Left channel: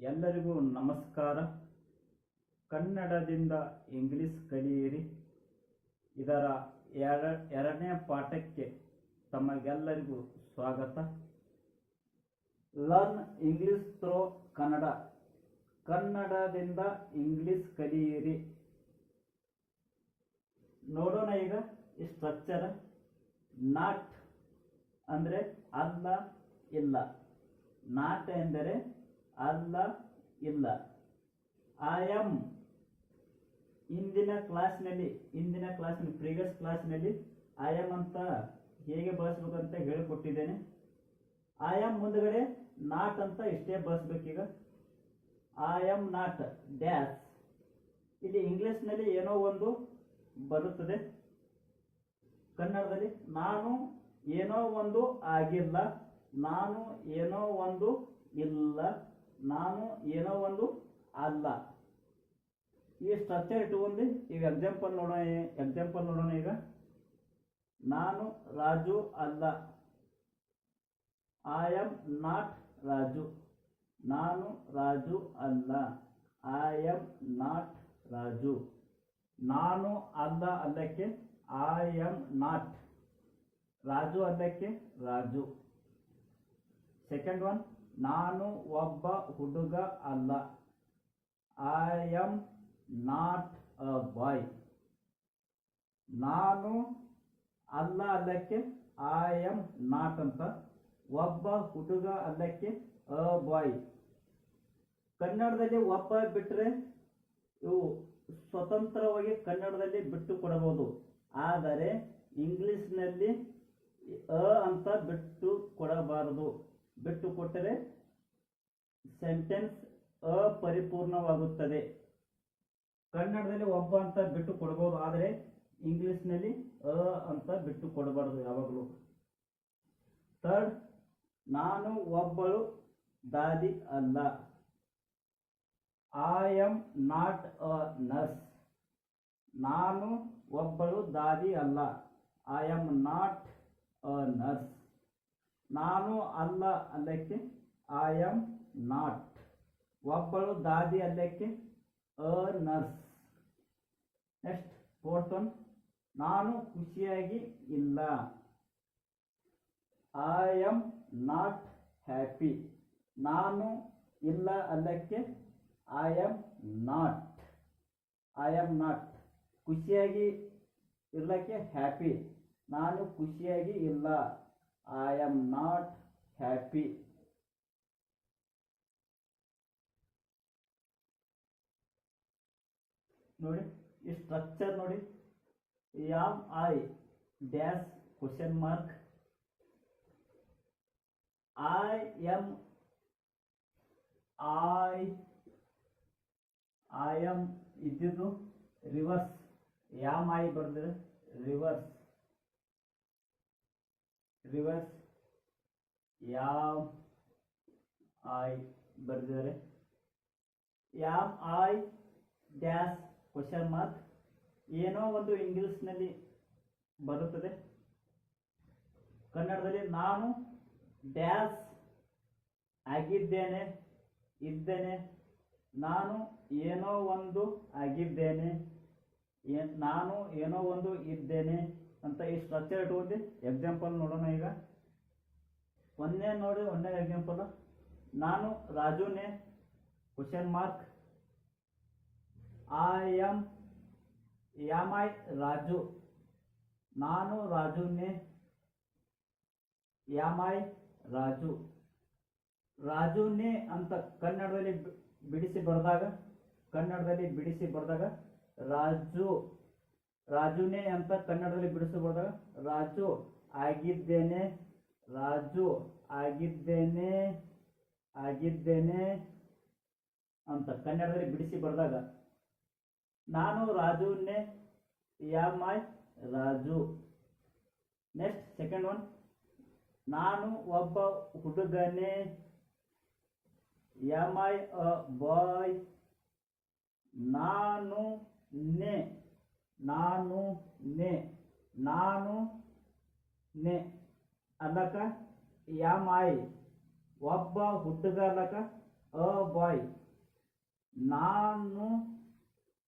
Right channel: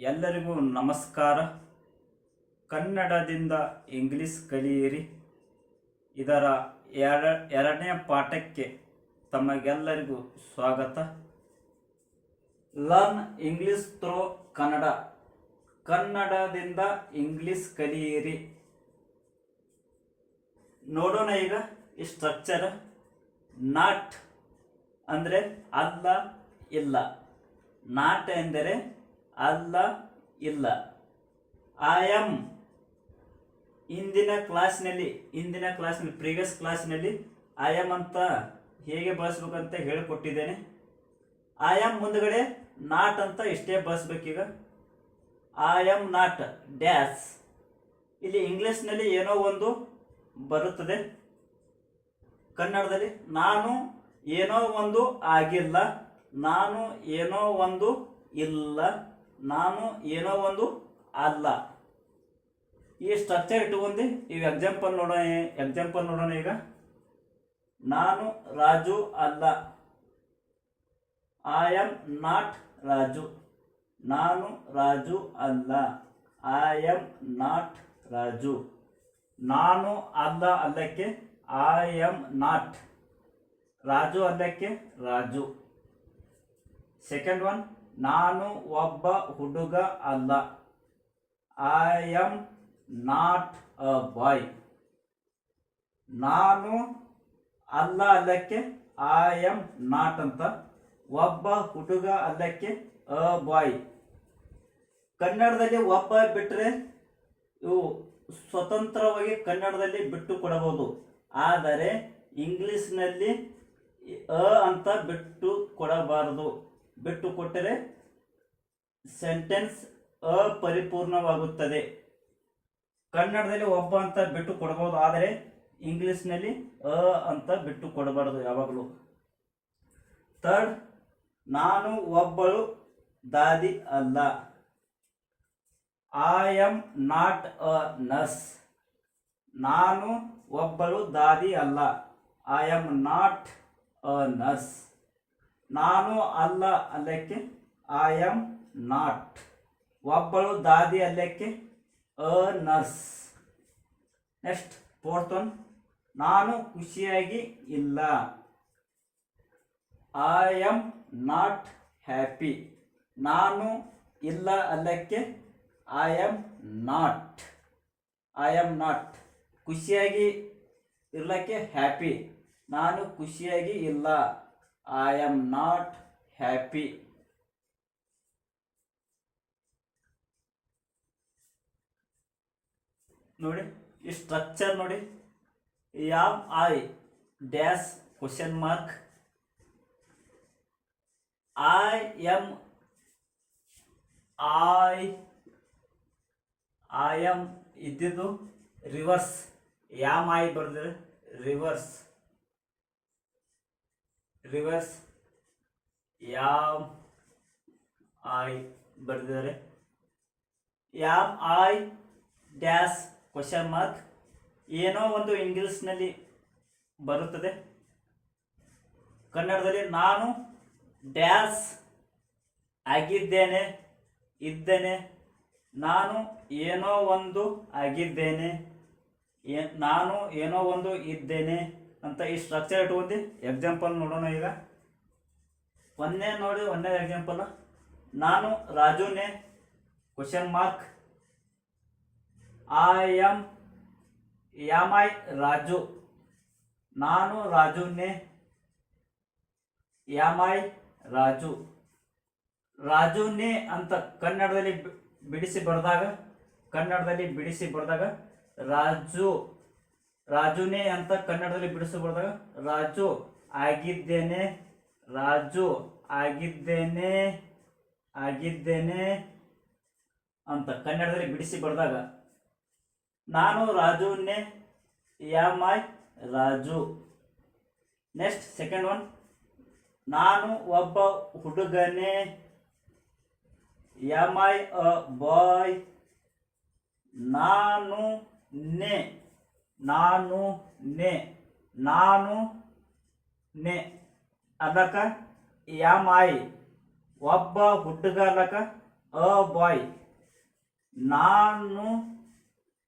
ಎಲ್ಲರಿಗೂ ನಮಸ್ಕಾರ. ಕನ್ನಡದಿಂದ ಇಂಗ್ಲಿಷ್ ಕಲಿಯಿರಿ. ಇದರ ಎರ, ಎರಡನೇ ಪಾಠಕ್ಕೆ ತಮಗೆಲ್ಲರಿಗೂ ಸ್ವಾಗತ. Learn English through Kannada. ಕನ್ನಡದಿಂದ ಇಂಗ್ಲಿಷ್ ಕಲಿಯಿರಿ. ನೋಡೋಣ ಈಗ ಈ ಸ್ಟ್ರಕ್ಚರ್ ನಾಟ್ ಅಂದರೆ ಅಲ್ಲ, ಇಲ್ಲ. ನಾಟ್ ಎಂದರೆ ಅಲ್ಲ, ಇಲ್ಲ. ಐ ಆಮ್ ಇಂದಿನ ಕ್ಲಾಸ್ನಲ್ಲಿ ಇಂದಿನ ಕ್ಲಾಸ್ನಲ್ಲಿ ಪ್ರೀವಿಯಸ್ ಕ್ಲಾಸ್ನಲ್ಲಿ ಐ ಆಮ್ ಅಂತ ಹೇಗೆ ಬಳಸ್ಬೇಕಂತ ಹೇಳಿಕೊಟ್ಟಿದ್ದೇನೆ. ಐ ಆಮ್ ಮುಂದಗಡೆ ನಾಟ್ ಅಂತ ಇಷ್ಟೇ ಬಳಸ್ಬೇಕೀಗ. ಐ ಆಮ್ ನಾಟ್ ಡ್ಯಾಸ್ ಇಲ್ಲಿ ಇಂಗ್ಲೀಷ್ನಲ್ಲಿ ಏನೋ ಒಂದು ಬರುತ್ತದೆ. ಕನ್ನಡದಲ್ಲಿ ನಾನು ಏನೋ ಒಂದು ಆಗಿಲ್ಲ, ನಾನು ಏನೋ ಒಂದು ಇಲ್ಲ. ನಾನು ಏನೋ ಒಂದು ಅಲ್ಲ. ಈ ಸ್ಟ್ರಕ್ಚರ್ ಇಟ್ಕೊಂಡು ಈಗ ಎಕ್ಸಾಂಪಲ್ ನೋಡೋಣ ಎಕ್ಸಾಂಪಲ್ ನೋಡೋಣ ಈಗ. ನಾನು ರಾಜು ಅಲ್ಲ. I am not Raju. ನಾನು ರಾಜು ಅಲ್ಲ. I am not Raju. ನಾನು ಅಲ್ಲ ಅಲ್ಲಕ್ಕೆ ಐ ಆಮ್ ನಾಟ್ ರಾಜು ಅಲ್ಲಕ್ಕೆ ರಾಜು. ಸೆಕೆಂಡ್ ಒನ್ ನಾನು ಒಬ್ಬ ಹುಡುಗ ಅಲ್ಲ. I am not a boy ನಾನು ಅಲ್ಲ ಅಲ್ಲಕ್ಕೆ ಐ ಆಮ್ ನಾಟ್ ಅಂತ. ಒಬ್ಬ ಹುಡುಗ ಅಲ್ಲಕ್ಕೆ ಅ ಬಾಯ್ ಕನ್ನಡದಲ್ಲಿ ಒಬ್ಬ ಬಿಟ್ಟರೆ ಇವು ಸ್ವತಂತ್ರವಾಗಿ ಕನ್ನಡದಲ್ಲಿ ಬಿಟ್ಟು ಕೊಡಬಹುದು. ಆದರೆ ಇಂಗ್ಲಿಷ್ನಲ್ಲಿ ಅ ಅಂತ ಬಿಟ್ಟು ಕೊಡಬಾರದು. ಬಿಟ್ಟು ಕೊಟ್ಟರೆ ಸೆಂಟೆನ್ಸ್ ಅಪರಿಪೂರ್ಣವಾಗುತ್ತದೆ. ಕನ್ನಡದಲ್ಲಿ ಒಬ್ಬ ಅಂತ ಬಿಟ್ಟು ಕೊಡಬಹುದು ಆದರೆ ಇಂಗ್ಲಿಷ್ನಲ್ಲಿ ಅ ಅಂತ ಬಿಟ್ಟು ಕೊಡಬಾರದು ಯಾವಾಗಲೂ. ಥರ್ಡ್, ನಾನು ಒಬ್ಬಳು ದಾದಿ ಅಲ್ಲ. I am not a nurse ನಾನು ಒಬ್ಬಳು ದಾದಿ ಅಲ್ಲ. I am not a nurse ನಾನು ಅಲ್ಲ ಅಲ್ಲಕ್ಕೆ ಐ ಆಮ್ ನಾಟ್ ಒಬ್ಬಳು ದಾದಿ ಅಲ್ಲಕ್ಕೆ a nurse next fourth one ನಾನು ಖುಷಿಯಾಗಿ ಇಲ್ಲ. ಐ ಆಮ್ ನಾಟ್ ಹ್ಯಾಪಿ ನಾನು ಇಲ್ಲ ಅಲ್ಲಕ್ಕೆ I am not I am not ಖುಷಿಯಾಗಿ ಇರಲಿಕ್ಕೆ ಹ್ಯಾಪಿ ನಾನು ಖುಷಿಯಾಗಿ ಇಲ್ಲ. ಐ ಆಮ್ ನಾಟ್ ಹ್ಯಾಪಿ ನೋಡಿ, ಈ ಸ್ಟ್ರಕ್ಚರ್ ನೋಡಿ. Am I dash question mark I am I I am ಇದ್ದಿದ್ದು ರಿವರ್ಸ್ ಯಾಮ್ ಐ ಬರೆದ್ರೆ ರಿವರ್ಸ್ ರಿವರ್ಸ್ ಯಾಮ್ ಐ ಬರೆದಿದ್ದಾರೆ. Am I dash question mark ಏನೋ ಒಂದು ಇಂಗ್ಲಿಷ್ನಲ್ಲಿ ಬರುತ್ತದೆ. ಕನ್ನಡದಲ್ಲಿ ನಾನು ಡ್ಯಾಸ್ ಆಗಿದ್ದೇನೆ, ಇದ್ದೇನೆ, ನಾನು ಏನೋ ಒಂದು ಆಗಿದ್ದೇನೆ ನಾನು ಏನೋ ಒಂದು ಇದ್ದೇನೆ ಅಂತ ಈ ಸ್ಟ್ರಕ್ಚರ್ ಇಟ್ಕೊಂಡು ಎಕ್ಸಾಂಪಲ್ ನೋಡೋಣ ಈಗ. ಒಂದನೇ ನೋಡಿ, ಒಂದನೇ ಎಕ್ಸಾಂಪಲ್ ನಾನು ರಾಜುನೇ question mark I am am I Raju? ನಾನು ರಾಜುನೇ ಎಂ ಐ ರಾಜು? ರಾಜುನೇ ಅಂತ ಕನ್ನಡದಲ್ಲಿ ಬಿಡಿಸಿ ಬರೆದಾಗ, ಕನ್ನಡದಲ್ಲಿ ಬಿಡಿಸಿ ಬರೆದಾಗ, ರಾಜು ರಾಜುನೇ ಅಂತ ಕನ್ನಡದಲ್ಲಿ ಬಿಡಿಸಿ ಬರೆದಾಗ ರಾಜು ಆಗಿದ್ದೇನೆ ರಾಜು ಆಗಿದ್ದೇನೆ ಆಗಿದ್ದೇನೆ ಅಂತ ಕನ್ನಡದಲ್ಲಿ ಬಿಡಿಸಿ ಬರೆದಾಗ ನಾನು ರಾಜುನೇ am I Raju. Next second one ನಾನು ಒಬ್ಬ ಹುಡುಗನೇ ಯಾಮ್ ಐ ಅ ಬಾಯ್ ನಾನು ನೆ ನಾನು ನೆ ನಾನು ನೆ ಅದಕ್ಕೆ ಐ ಒಬ್ಬ ಹುಡುಗ ಅದಕ್ಕೆ ಅ ಬಾಯ್. ನಾನು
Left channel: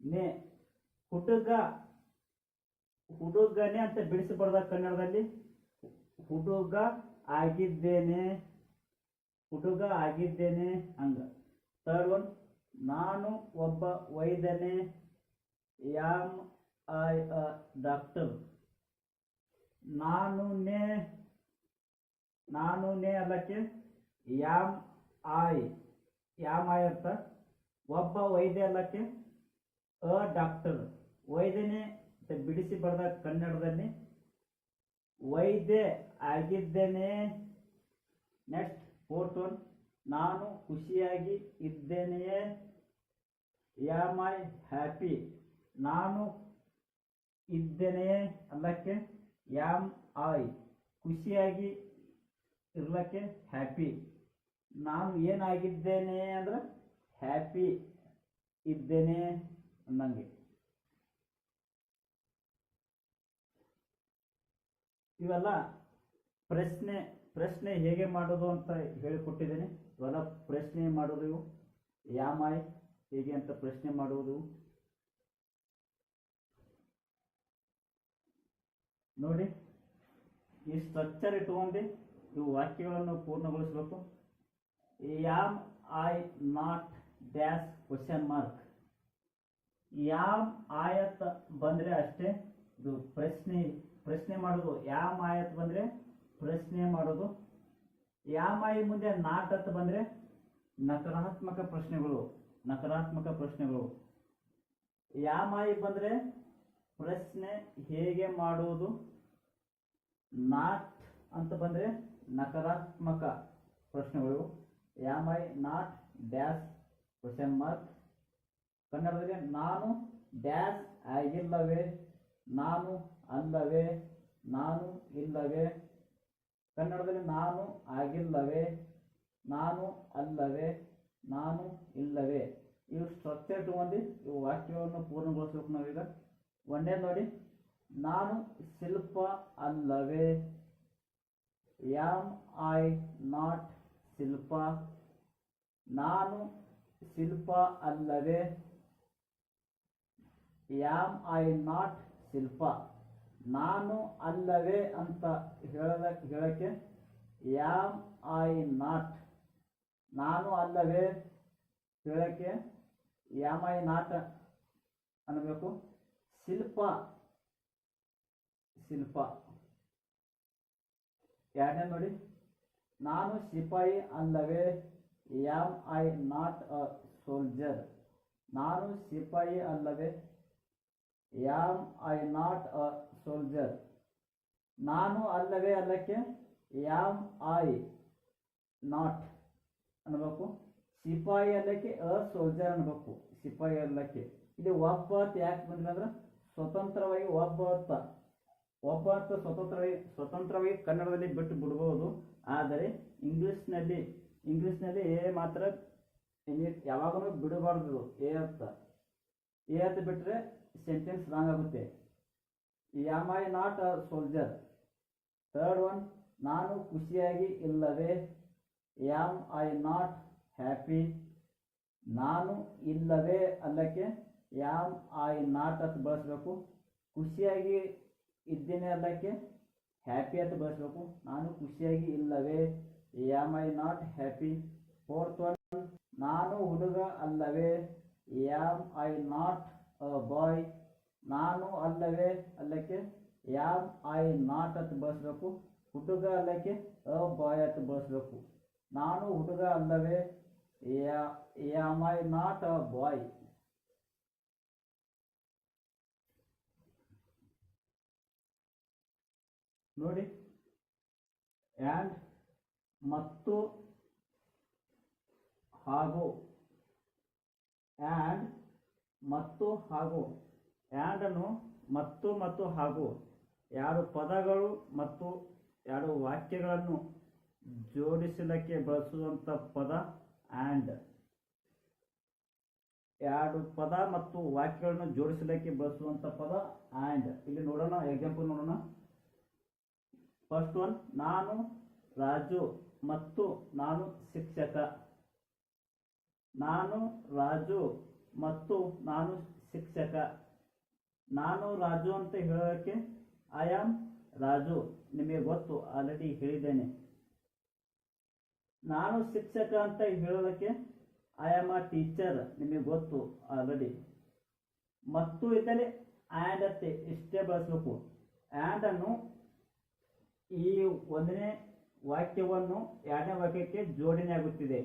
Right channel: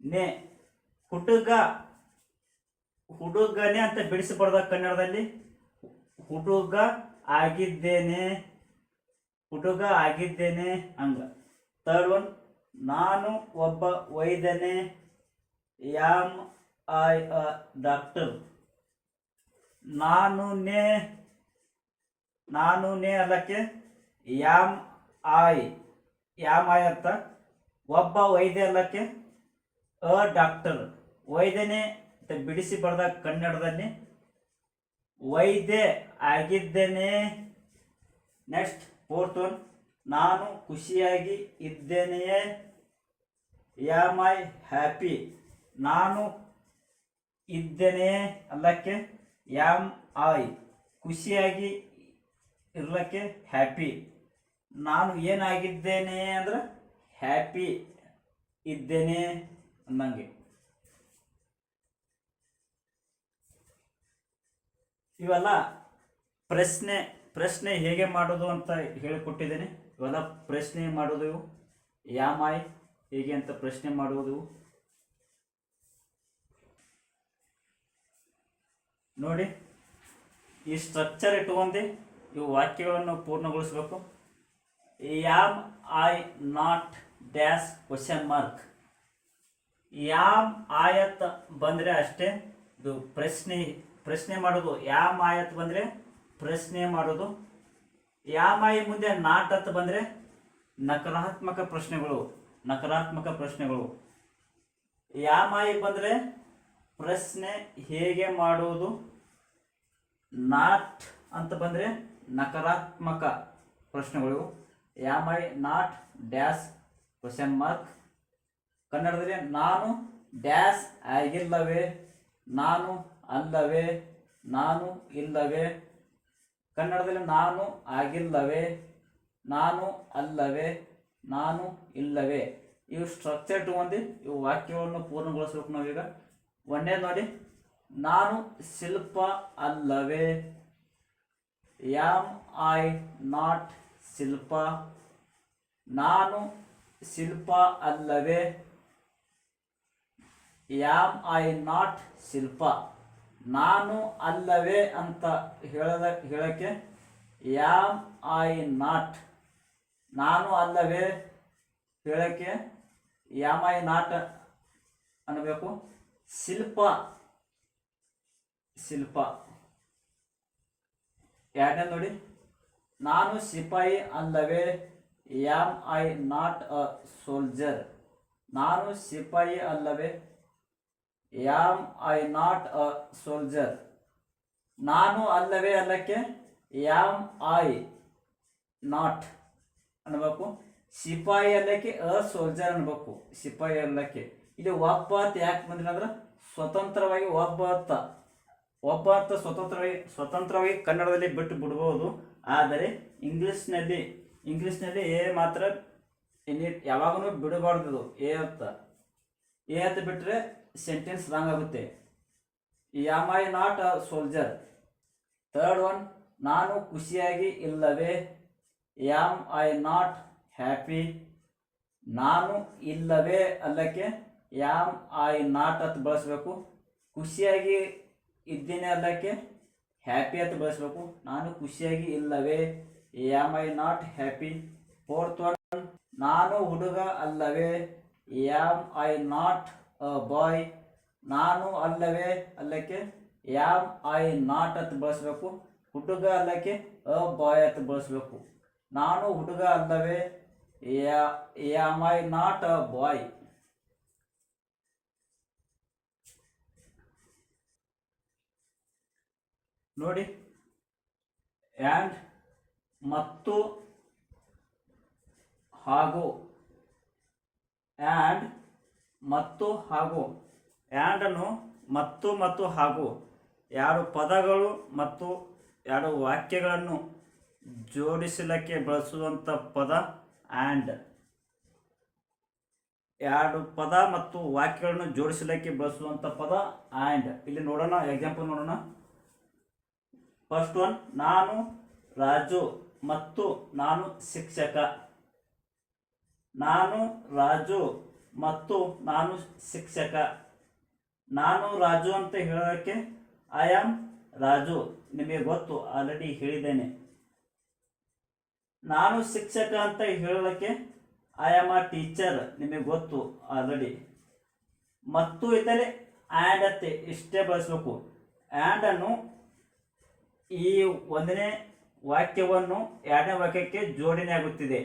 ನೆ ಹುಡುಗ ಹುಡುಗನೇ ಅಂತ ಬಿಡಿಸಬಾರ್ದ ಕನ್ನಡದಲ್ಲಿ? ಹುಡುಗ ಆಗಿದ್ದೇನೆ ಹುಡುಗ ಆಗಿದ್ದೇನೆ ಹಂಗ. ಥರ್ಡ್ ಒನ್ ನಾನು ಒಬ್ಬ ವೈದ್ಯನೇ, ಯಾಮ್ ಐ ಅ ಡಾಕ್ಟರ್. ನಾನು ನೇ ನಾನು ನೇ ಅಲ್ಲಕ್ಕೆ ಯಾಮ್ ಐ ಯಾಮ್ ಐ ಅಂತ ಒಬ್ಬ ವೈದ್ಯ ಅಲ್ಲಕ್ಕೆ ಅ ಡಾಕ್ಟರ್. ವೈದ್ಯನೇ ಬಿಡಿಸಿ ಬರೆದ ಕನ್ನಡದಲ್ಲಿ ವೈದ್ಯ ಆಗಿದ್ದೇನೆ. Next fourth one. ನಾನು ಖುಷಿಯಾಗಿ ಇದ್ದೇನೆಯೇ? Yam I happy? ನಾನು ಇದ್ದೇನೆಯೇ ಅಲ್ಲಕ್ಕೆ ಯಾಮ್ ಐ ಖುಷಿಯಾಗಿ ಇರಲಿಕ್ಕೆ ಹ್ಯಾಪಿ. ನಾನು ಏನಾಗಿದ್ದೇನೆ ಅಂದ್ರೆ ಹ್ಯಾಪಿ ಇದ್ದೇನೆ ಅನ್ನಂಗೆ. ಇವೆಲ್ಲ ಪ್ರಶ್ನೆ ಪ್ರಶ್ನೆ ಹೇಗೆ ಮಾಡೋದು ಅಂತ ಹೇಳಿಕೊಟ್ಟಿದ್ದೇನೆ. ಇವೆಲ್ಲ ಪ್ರಶ್ನೆ ಮಾಡೋದು ಯಾಮಾಯ್ ಹೇಗೆ ಅಂತ ಪ್ರಶ್ನೆ ಮಾಡುವುದು ನೋಡಿ, ಈ ಸ್ಟ್ರಕ್ಚರ್ ಇಟ್ಕೊಂಡು ಇವು ವಾಕ್ಯಗಳನ್ನು ಪೂರ್ಣಗೊಳಿಸಬೇಕು. Am I not dash question mark. Am ಆಯತ್ ಬಂದರೆ ಅಷ್ಟೇ, ಇದು ಪ್ರಶ್ನೆ ಪ್ರಶ್ನೆ ಮಾಡೋದು. ಯಾಮ್ ಆಯತ್ ಬಂದರೆ ಪ್ರಶ್ನೆ ಮಾಡೋದು. ಯಾಮ್ ಆಯಿ ಮುಂದೆ ನಾಟ್ ಅಂತ ಬಂದರೆ ನಕಾರಾತ್ಮಕ ಪ್ರಶ್ನೆಗಳು ನಕಾರಾತ್ಮಕ ಪ್ರಶ್ನೆಗಳು. ಯಾಮಾಯಿ ಬಂದರೆ ಪ್ರಶ್ನೆ ಹೇಗೆ ಮಾಡುವುದು? ನಾಟ್ ಅಂತ ಬಂದರೆ ನಕಾರಾತ್ಮಕ ಪ್ರಶ್ನೆಗಳು. Am I not dash question mark ಕನ್ನಡದಲ್ಲಿ ನಾನು ಡ್ಯಾಶ್ ಆಗಿಲ್ಲವೇ? ನಾನು ಅಲ್ಲವೇ? ನಾನು ಇಲ್ಲವೇ? ಕನ್ನಡದಲ್ಲಿ ನಾನು ಆಗಿಲ್ಲವೇ? ನಾನು ಅಲ್ಲವೇ? ನಾನು ಇಲ್ಲವೇ? ಇವು ಸ್ಟ್ರಕ್ಚರ್ ಇಟ್ಕೊಂಡು ಇವು ವಾಕ್ಯವನ್ನು ಪೂರ್ಣಗೊಳಿಸ್ಬೇಕು ನಾವೀಗ. ಒಂದೇ ನೋಡಿ. ನಾನು ಶಿಲ್ಪ ಅಲ್ಲವೇ? Am I not Shilpa. ನಾನು ಶಿಲ್ಪ ಅಲ್ಲವೇ? Am I not Shilpa. ನಾನು ಅಲ್ಲವೇ ಅಂತ ಹೇಳದ ಹೇಳಕ್ಕೆ ಯಾಮ್ ಐ ನಾಟ್. ನಾನು ಅಲ್ಲವೇ? ಹೇಳಕ್ಕೆ ಯಾಮ್ ಐ ನಾಟ್ ಅನ್ನಬೇಕು ಶಿಲ್ಪ. ಶಿಲ್ಪ. ಎರಡನೇ ನೋಡಿ? ನಾನು ಸಿಪಾಯಿ ಅಲ್ಲವೇ am I not a soldier. ನಾನು ಸಿಪಾಯಿ ಅಲ್ಲವೇ, am I not a soldier. ನಾನು ಅಲ್ಲವೇ ಅಲ್ಲಕ್ಕೆ, ಯಾಮ್ ಐ ನಾಟ್ ಅನ್ಬೇಕು. ಸಿಪಾಯಿ ಅಲ್ಲಕ್ಕೆ ಅ ಸೋಲ್ಜರ್ ಅನ್ಬೇಕು. ಸಿಪಾಯಿ ಅಲ್ಲಕ್ಕೆ. ಇಲ್ಲಿ ಒಬ್ಬ ಅಂತ ಯಾಕೆ ಬಂದಿಲ್ಲ ಅಂದ್ರೆ ಸ್ವತಂತ್ರವಾಗಿ ಒಬ್ಬ ಅಂತ ಒಬ್ಬ ಸ್ವತಂತ್ರವಾಗಿ ಸ್ವತಂತ್ರವಾಗಿ ಕನ್ನಡದಲ್ಲಿ ಬಿಟ್ಟು ಬಿಡ್ಬೋದು. ಆದರೆ ಇಂಗ್ಲೀಷ್ನಲ್ಲಿ ಇಂಗ್ಲೀಷ್ನಲ್ಲಿ ಎ ಮಾತ್ರ ಎನಿ ಯಾವಾಗಲೂ ಬಿಡಬಾರ್ದು ಎ ಅಂತ. ಎ ಅಂತ ಬಿಟ್ಟರೆ ಸೆಂಟೆನ್ಸ್ ರಾಂಗ್ ಆಗುತ್ತೆ. Am I not a soldier third one ನಾನು ಖುಷಿಯಾಗಿ ಇಲ್ಲವೇ? ಯಾಮ್ ಐ ನಾಟ್ ಹ್ಯಾಪಿ ನಾನು ಇಲ್ಲವೇ ಅಲ್ಲಕ್ಕೆ ಯಾಮ್ ಐ ನಾಟ್ ಅಂತ ಬಳಸಬೇಕು. ಖುಷಿಯಾಗಿ ಇದ್ದೇನೆ ಅಲ್ಲಕ್ಕೆ, ಹ್ಯಾಪಿ ಅಂತ ಬಳಸಬೇಕು. ನಾನು ಖುಷಿಯಾಗಿ ಇಲ್ಲವೇ? Am I not happy? Fourth one, ನಾನು ಹುಡುಗ ಅಲ್ಲವೇ? Am I not a boy? ನಾನು ಅಲ್ಲವೇ? ಅಲ್ಲಕ್ಕೆ, ಯಾಮ್ ಐ ನಾಟ್ ಅಂತ ಬಳಸಬೇಕು. ಹುಡುಗ ಅಲ್ಲಕ್ಕೆ, ಅ ಬಾಯ್ ಅಂತ ಬಳಸಬೇಕು. ನಾನು ಹುಡುಗ ಅಲ್ಲವೇ? Am I not a boy? ನೋಡಿ. ಆ್ಯಂಡ್ ಮತ್ತು ಹಾಗೂ. ಆ್ಯಂಡ್ ಮತ್ತು ಹಾಗೂ. ಆ್ಯಂಡನ್ನು ಮತ್ತು ಮತ್ತು ಹಾಗೂ. ಎರಡು ಪದಗಳು ಮತ್ತು ಎರಡು ವಾಕ್ಯಗಳನ್ನು ಜೋಡಿಸಲಿಕ್ಕೆ ಬಳಸುವಂಥ ಪದ ಆ್ಯಂಡ್ ಎರಡು ಪದ ಮತ್ತು ವಾಕ್ಯಗಳನ್ನು ಜೋಡಿಸಲಿಕ್ಕೆ ಬಳಸುವಂಥ ಪದ ಆ್ಯಂಡ್ ಇಲ್ಲಿ ನೋಡೋಣ ಎಕ್ಸಾಂಪಲ್ ನೋಡೋಣ. ಫಸ್ಟ್ ಒನ್ ನಾನು, ರಾಜು ಮತ್ತು ನಾನು ಶಿಕ್ಷಕ. ನಾನು, ರಾಜು ಮತ್ತು ನಾನು ಶಿಕ್ಷಕ. ನಾನು, ರಾಜು ಅಂತ ಹೇಳೋದಕ್ಕೆ ಐ ಆಮ್ ರಾಜು. ನಿಮಗೆ ಗೊತ್ತು ಆಲ್ರೆಡಿ ಹೇಳಿದ್ದೇನೆ. ನಾನು ಶಿಕ್ಷಕ ಅಂತ ಹೇಳೋದಕ್ಕೆ ಐ ಆಮ್ ಅ ಟೀಚರ್ ನಿಮಗೆ ಗೊತ್ತು ಆಲ್ರೆಡಿ ಮತ್ತು ಇದರಲ್ಲಿ ಆ್ಯಂಡ್ ಅತ್ತೆ, ಇಷ್ಟೇ ಬಳಸಬೇಕು. ಆ್ಯಂಡನ್ನು ಈ ಒಂದನೇ ವಾಕ್ಯವನ್ನು ಎರಡನೇ ವಾಕ್ಯಕ್ಕೆ ಜೋಡಣೆ ಆಗುತ್ತಿದೆ.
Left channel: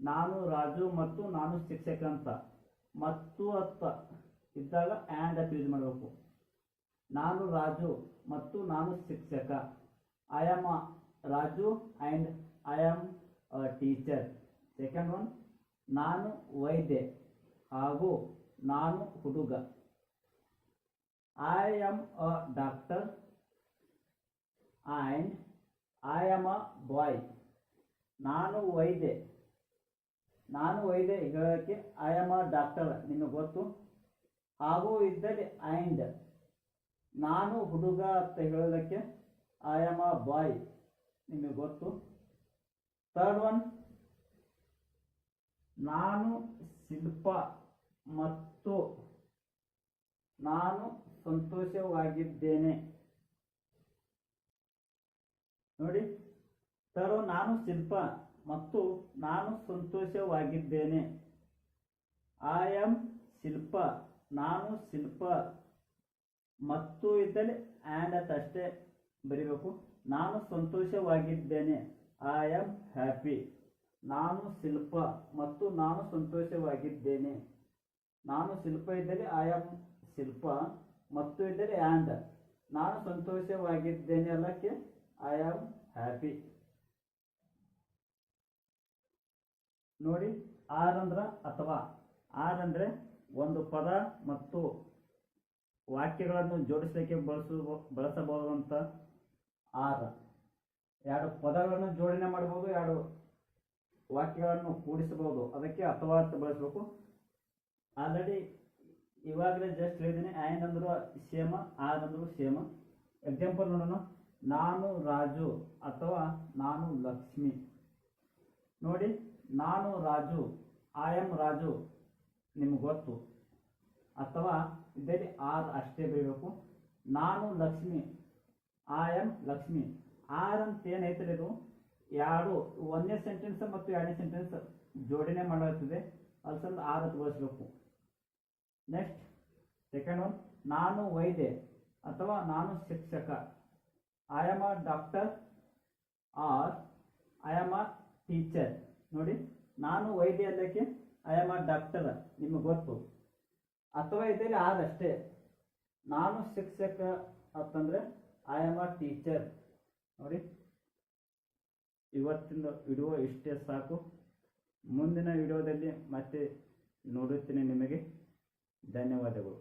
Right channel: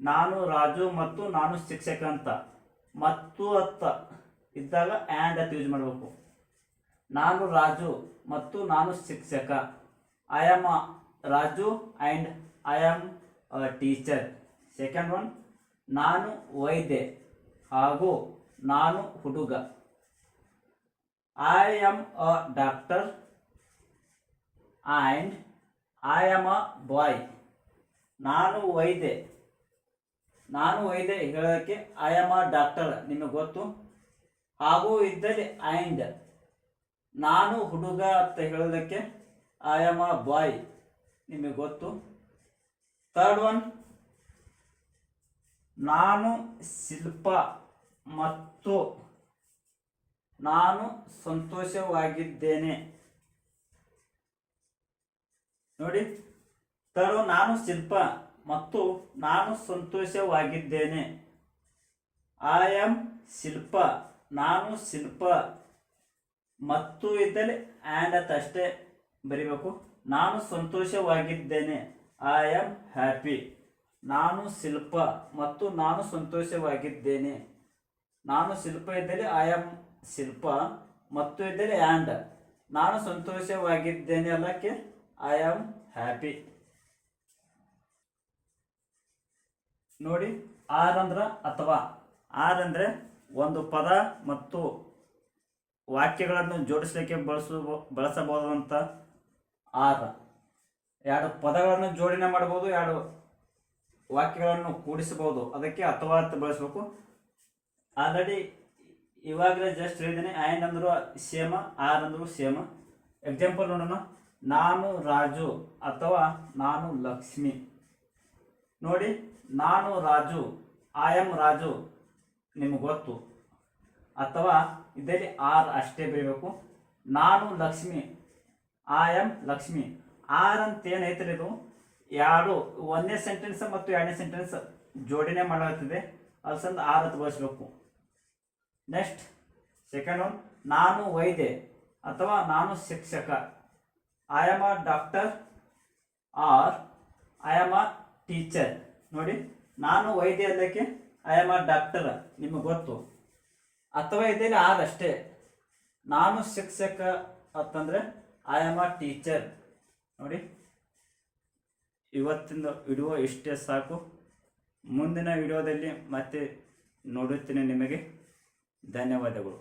ನಾನು ರಾಜು ಮತ್ತು ನಾನು ಶಿಕ್ಷಕ ಅಂತ. ಮತ್ತು ಅತ್ತ ಇದ್ದಾಗ ಆ್ಯಂಡ್ ಅಂತ ಯೂಸ್ ಮಾಡಬೇಕು. ನಾನು ರಾಜು ಮತ್ತು ನಾನು ಶಿಕ್ಷಕ. I am Raju and I am a teacher second one ನಾನು ವೈದ್ಯ ಹಾಗೂ ನಾನು ಹುಡುಗ. I am a doctor and I am a boy ನಾನು ವೈದ್ಯೆ. ನಾನು ವೈದ್ಯೆ ಹೇಳೋದಕ್ಕೆ ಐ ಆಮ್ ಅ ಡಾಕ್ಟರ್ ನಿಮಗೆ ಗೊತ್ತು? ಹಾಗೂ ಇದ್ದಲ್ಲಿ ಆ್ಯಂಡ್ ನಾನು ಹುಡುಗ ಅಂತ ಹೇಳೋದಕ್ಕೆ ಐ ಆಮ್ ಅ ಬಾಯ್ ನಿಮಗೆ ಗೊತ್ತು? ಥರ್ಡ್ ಒನ್ ನಾನು ಶಿಲ್ಪ ಮತ್ತು ನಾನು ಸಂತೋಷವಾಗಿದ್ದೇನೆ. ನೋಡಿ. ತರು ನಾನು ಶಿಲ್ಪ ಮತ್ತು ನಾನು ಸಂತೋಷವಾಗಿದ್ದೇನೆ. ಐ ಆಮ್ ಶಿಲ್ಪ, ನಾನು ಶಿಲ್ಪ ಮತ್ತು ಇದ್ದಲ್ಲಿ ಆ್ಯಂಡ್ ಅಂತ ಅಷ್ಟೇ ಬರಿಬೇಕು. ನಾನು ಸಂತೋಷವಾಗಿದ್ದೇನೆ. ಐ ಆಮ್ ಹ್ಯಾಪಿ ನಾನು ಶಿಲ್ಪ ಮತ್ತು ನಾನು ಸಂತೋಷವಾಗಿದ್ದೇನೆ. ನಾನು ಶಿಲ್ಪ ಇದ್ದಲ್ಲಿ ಐ ಆಮ್ ಶಿಲ್ಪ ಮತ್ತು ಇದ್ದಲ್ಲಿ ಆ್ಯಂಡ್ ನಾನು ಸಂತೋಷವಾಗಿದ್ದೇನೆ ಅಲ್ಲಕ್ಕೆ? ಐ ಆಮ್ ಹ್ಯಾಪಿ ನೋಡಿ ಆರ್ ಅಂದ್ರ ಅಥವಾ ಆರ್ ಅಂದರೆ ಒಂದು ಪದ ಮತ್ತು ವಾಕ್ಯಗಳನ್ನು ಜೋಡಿಸಲಿಕ್ಕೆ ಬಳಸ, ಬಳಸಬಹುದಂತ ಆರ್ ಎರಡು ಪದಗಳನ್ನು ಜೋಡಣೆ ಮಾಡ್ಬೋದು ಎರಡು ವಾಕ್ಯಗಳನ್ನು ಕೂಡಿಸಬಹುದು. ಅದಕ್ಕೆ ಅಥವಾ ಅಂತ ಬಳಸಬೇಕು. ಆಲ್ರೆಡಿ ಇವಾಗಲೇ ಜಸ್ಟ್ ಹೇಳಿದ್ದೀನಿ ಆ್ಯಂಡ್ ಅಂದರೂ ಸೇಮ ಆರ್ ಅಂದರೂ ಸೇಮ ಎಕ್ಸಾಂಪಲ್ ನೋಡೋಣ. ನಾನು ರಾಜು ಅಥವಾ ನಾನು ಲಕ್ಷ್ಮಿ. ನೋಡಿ, ನಾನು ರಾಜು ಐ ಆಮ್ ರಾಜು, ನಿಮಗೆ ಗೊತ್ತು. ಅಥವಾ ಇದರಲ್ಲಿ ಆರ್ ಅಷ್ಟೇ ಬರೀಬೇಕು. ನಾನು Lakshmi I am Lakshmi. Or ಅಂತ ಏನೈತ್ರಿ ಇದು? ಎರಡು, ಒಂದನೇ ಸೆಂಟೆನ್ಸ್ ಮತ್ತು ಎರಡನೇ ಸೆಂಟೆನ್ಸ್ ಜೋಡಣೆ ಮಾಡಲಾಗ್ತದೆ. ಅಲ್ಸಂದು ಆರ್ ಅಂತ ಬಳಸಬೇಕು. ನೆಕ್ಸ್ಟ್ ಸೆಕೆಂಡ್ ಒನ್ ನಾನು ವೈದ್ಯ ಅಥವಾ ನಾನು ಶಿಕ್ಷಕ. I am a doctor or I am a teacher ನೋಡಿ, ನಾನು ವೈದ್ಯ ಅದಕ್ಕೆ ಐ ಆಮ್ ಅ ಡಾಕ್ಟರ್ ನಿಮಗೆ ಗೊತ್ತು. ಅಥವಾ ಇದರಲ್ಲಿ ಅಷ್ಟೇ ನಾನು ಶಿಕ್ಷಕ ಅಂತಂದರೆ ಐ ಆಮ್ ಅ ಟೀಚರ್ ನೋಡಿ ಇವತ್ತಿನ ವಿಡಿಯೋ ಇಷ್ಟೇ ಸಾಕು. ಮುಂದಿನ ವಿಡಿಯೋದಲ್ಲಿ ಮತ್ತೆ ನೋಡುತ್ತೇನೆ ನಿಮಗೆ. ಧನ್ಯವಾದಗಳು.